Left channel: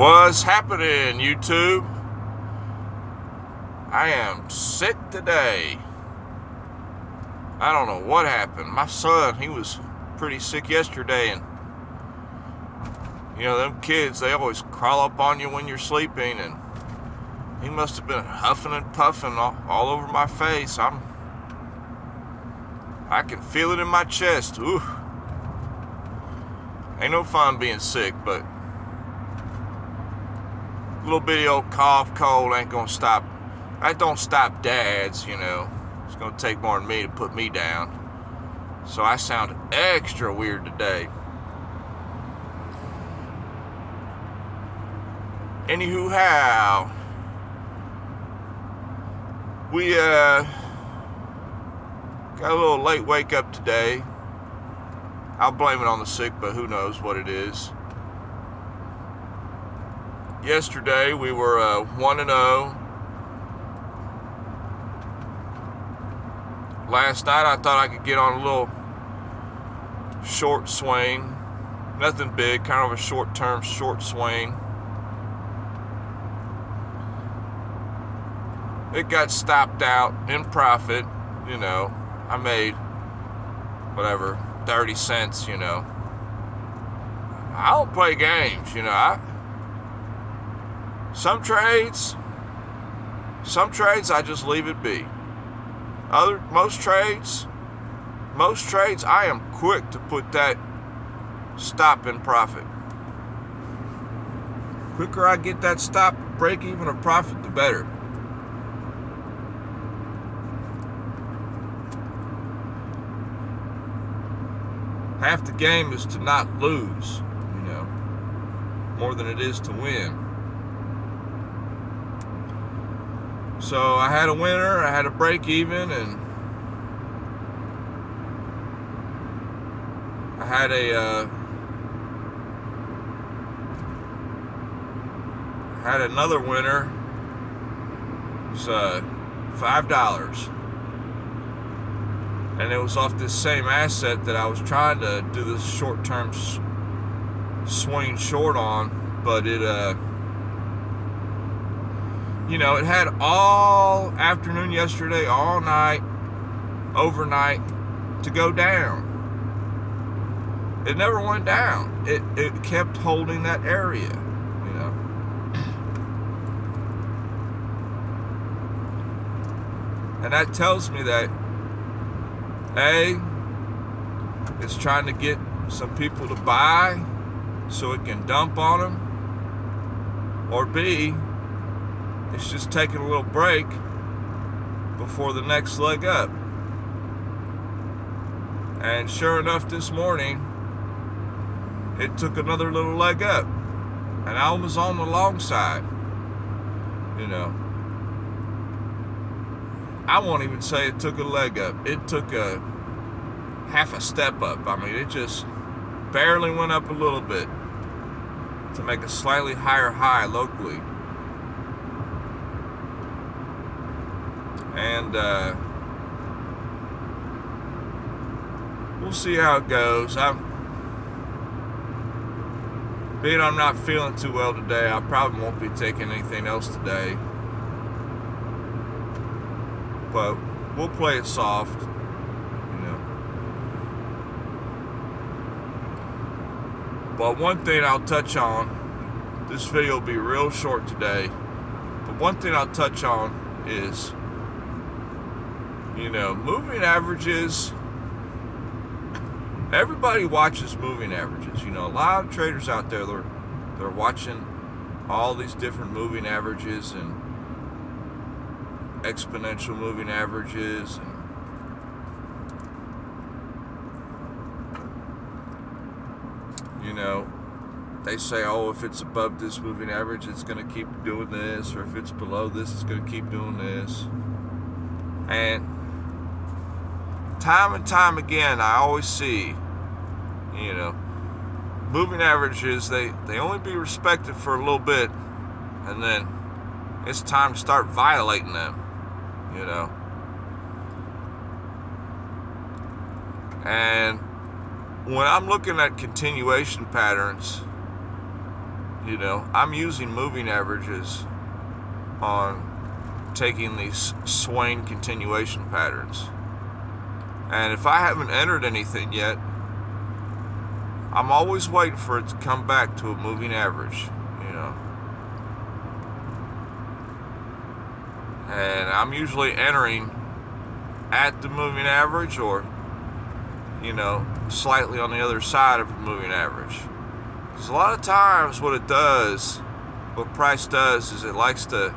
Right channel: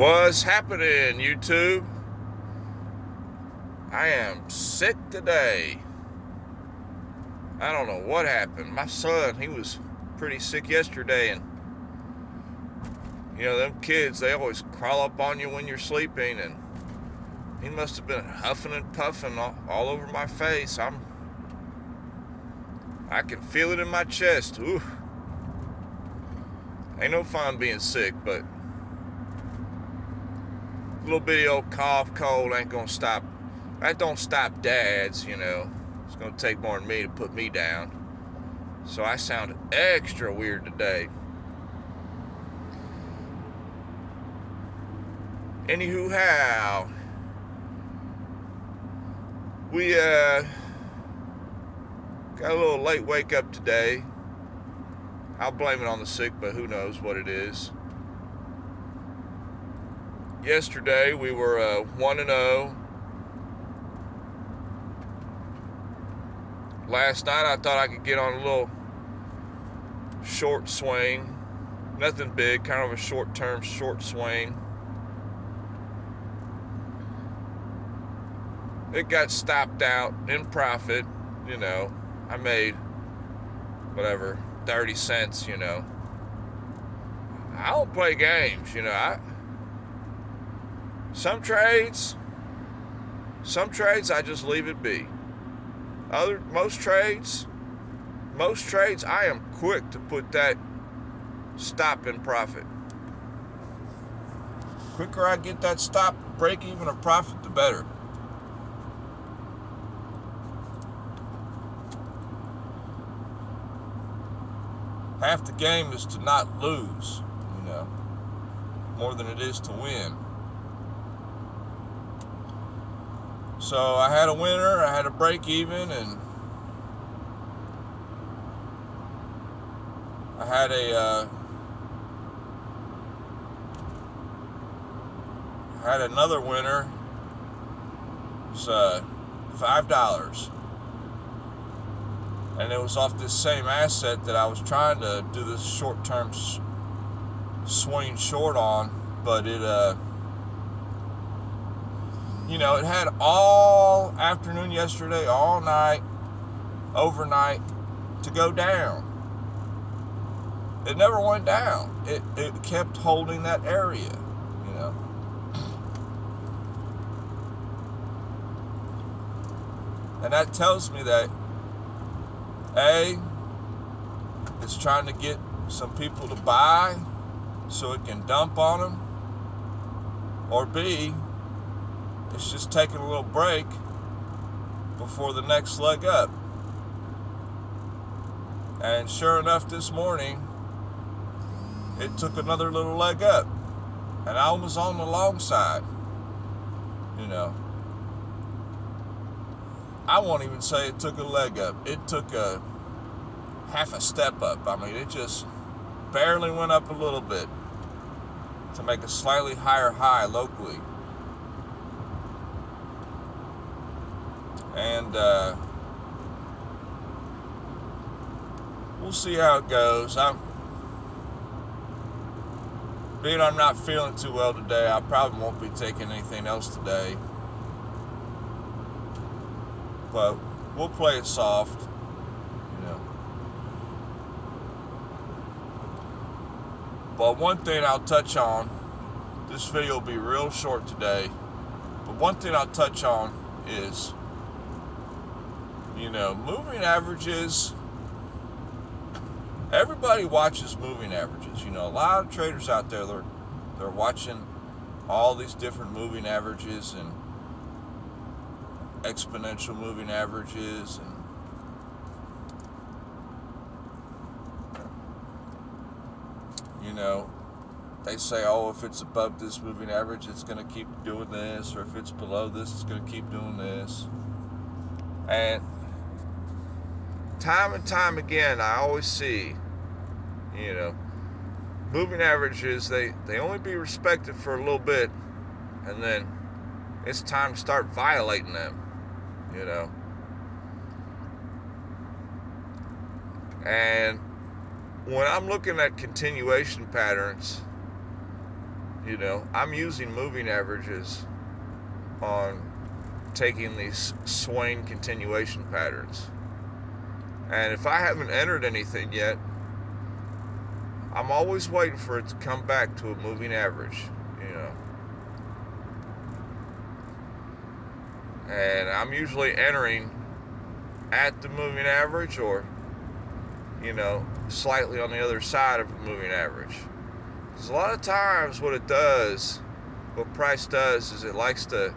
What's happening, YouTube? I am sick today. I don't know what happened. My son, he was pretty sick yesterday, and you know, them kids, they always crawl up on you when you're sleeping, and he must have been huffing and puffing all over my face. I can feel it in my chest. Ooh. Ain't no fun being sick, but a little bitty old cough, cold ain't gonna stop. That don't stop dads, you know. It's gonna take more than me to put me down. So I sound extra weird today. Anywho, how? We got a little late wake up today. I'll blame it on the sick, but who knows what it is. Yesterday we were 1-0. Last night I thought I could get on a little short swing. Nothing big, kind of a short-term short swing. It got stopped out in profit, you know. I made whatever, 30 cents, you know. I don't play games, you know. Some trades I just leave it be. Most trades, I am quick to put that stop in profit. Quicker I get that stop, break even, or profit, the better. Half the game is to not lose, you know, more than it is to win. So I had a winner, I had a break even, and I had another winner. It was $5. And it was off this same asset that I was trying to do this short-term swing short on, but it, you know, it had all afternoon yesterday, all night, overnight to go down. It never went down. It kept holding that area, you know. And that tells me that A, it's trying to get some people to buy so it can dump on them, or B, it's just taking a little break before the next leg up. And sure enough, this morning, it took another little leg up, and I was on the long side, you know. I won't even say it took a leg up. It took a half a step up. I mean, it just barely went up a little bit to make a slightly higher high locally. And we'll see how it goes. Being I'm not feeling too well today, I probably won't be taking anything else today. But we'll play it soft, you know. But one thing I'll touch on, this video will be real short today, but one thing I'll touch on is, you know, moving averages. Everybody watches moving averages. You know, a lot of traders out there, they're watching all these different moving averages and exponential moving averages, and you know, they say, oh, if it's above this moving average, it's going to keep doing this, or if it's below this, it's going to keep doing this. And time and time again, I always see, you know, moving averages, they only be respected for a little bit, and then it's time to start violating them, you know. And when I'm looking at continuation patterns, you know, I'm using moving averages on taking these swing continuation patterns. And if I haven't entered anything yet, I'm always waiting for it to come back to a moving average, you know. And I'm usually entering at the moving average, or, you know, slightly on the other side of a moving average. Because a lot of times what price does is it likes to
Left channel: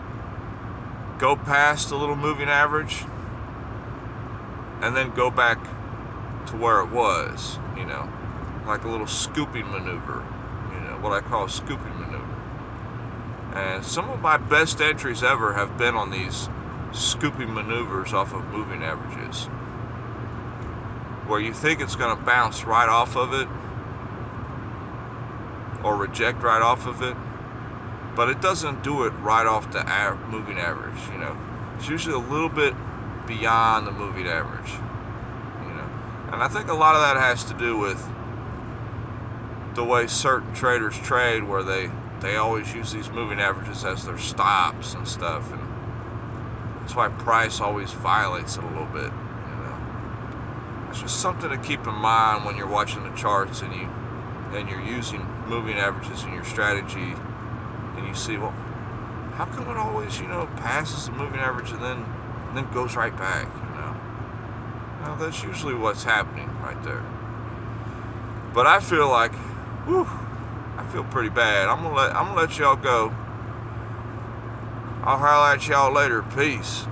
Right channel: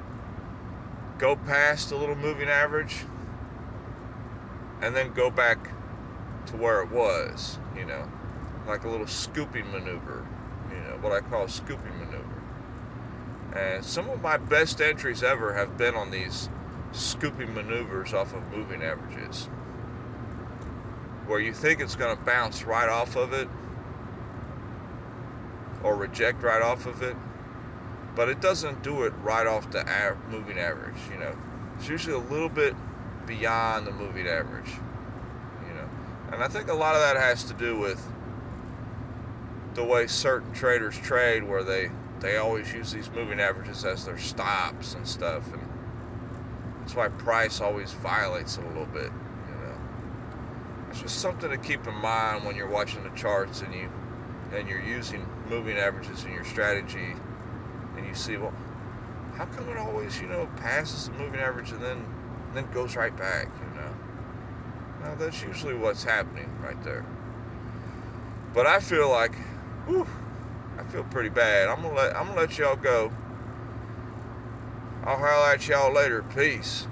go past a little moving average and then go back to where it was, you know, like a little scooping maneuver, you know, what I call a scooping maneuver. And some of my best entries ever have been on these scooping maneuvers off of moving averages, where you think it's going to bounce right off of it or reject right off of it, but it doesn't do it right off the moving average, you know. It's usually a little bit beyond the moving average, you know. And I think a lot of that has to do with the way certain traders trade, where they always use these moving averages as their stops and stuff, and that's why price always violates it a little bit, you know. It's just something to keep in mind when you're watching the charts and you're using moving averages in your strategy, and you see, well, how come it always, you know, passes the moving average and then goes right back, you know? Well, that's usually what's happening right there. But I feel like, I feel pretty bad. I'm gonna let y'all go. I'll highlight y'all later. Peace.